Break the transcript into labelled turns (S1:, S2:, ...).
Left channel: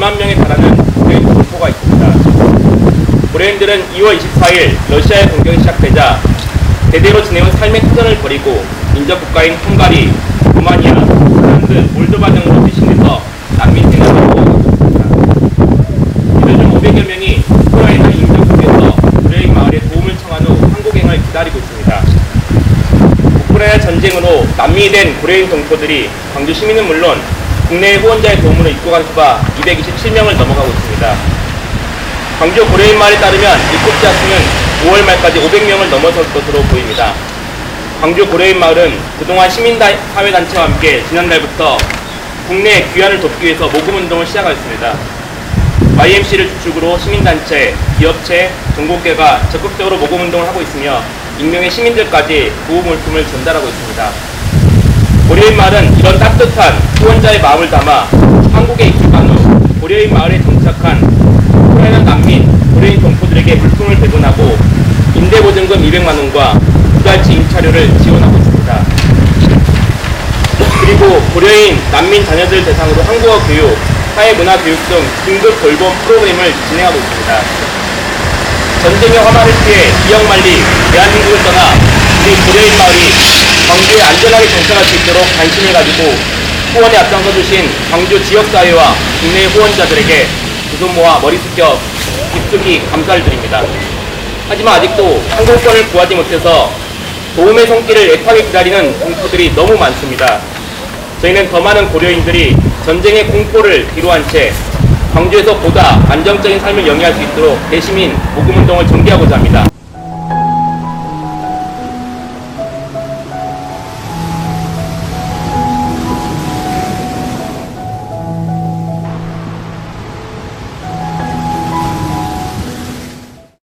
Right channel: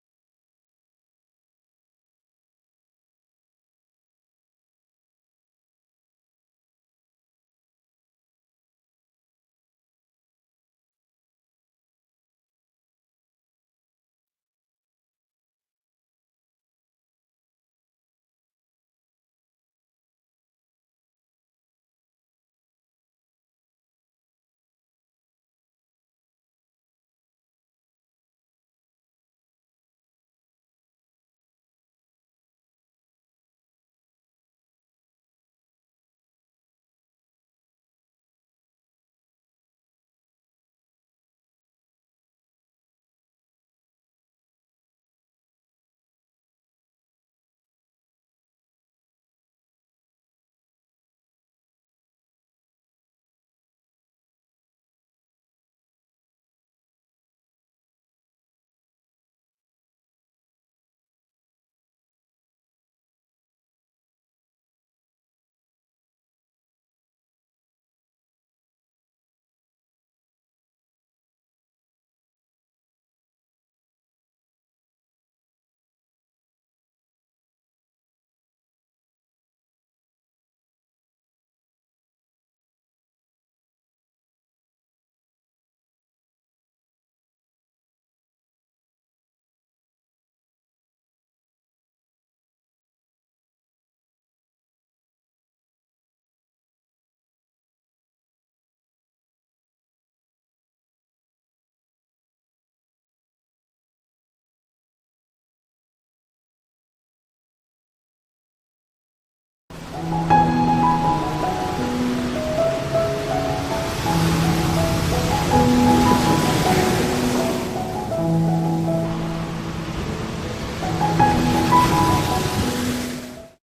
S1: 2만 명에 달하는 고려인 돌포가 있습니다. 고려인들은 2월 24일 러시아의 공격이 시작되자 대대로 지내온 삶의 터전을 버리고 인접 국가인 헝가리, 루마니아, 폴란드, 몰도바 등으로 뛰신해서 난민 생활을 하고 있습니다. 이들 중 500여 명이 우크라이나 인접국에서 고려인 마을에 도움을 청한 후 한국행을 기다리고 있습니다. 우크라이나 전쟁으로 난민이 된 고려인 동포들이 광주 시민은 물론 국내 후원자의 도움으로 입국한 수가 227명을 넘어가고 있습니다. 광주 고려인 마을에 따르면 입국자 수는 5월 말까지 500명을 넘어설 것으로 보입니다. 광주 고려인 마을은 그동안 시민사회단체와 함께 지난달부터 국내 귀환을 돕기 위해서 모금운동을 시작하였습니다. YMC를 주축으로 시민단체, 기업체, 정보계가 적극적으로 모금운동을 하고 있으며 익명의 시민들까지 구호물품을 전달하고 있습니다. 고려인 마을은 이런 따뜻한 후원자의 마음을 담아 한국에 입국한 후 고려인 마을에 정착한 우크라이나 난민, 고려인 동포들에게 물품을 배분하고 임대보증금 200만 원과 두 달치 임차료를 지원하고 있습니다. 그리고 고려인 난민 자녀들 대상으로 한국어 교육, 사회문화 교육 등 긴급 돌봄 프로그램을 진행하고 있습니다. 전쟁의 화마를 피해 지역 만리 대한민국을 떠나 우리 고려인 마을이 광주에 안전하게 정착할 수 있도록 관심을 가지고 후원에 앞장서 주신 광주 지역사회와 국내 후원자들에게 두손 모아 머리 숙여 깊숙이 감사를 드립니다. 하지만 아직도 항공권을 구하지 못해서 도움의 손길을 애타게 기다리는 동포들이 너무 많습니다. 저희는 더 많은 고려인들이 전쟁의 공포를 뒤로한 채 광주에서 보다 안정적인 삶을 영위할 수 있도록 대시민 모금운동을 전개하고자 합니다.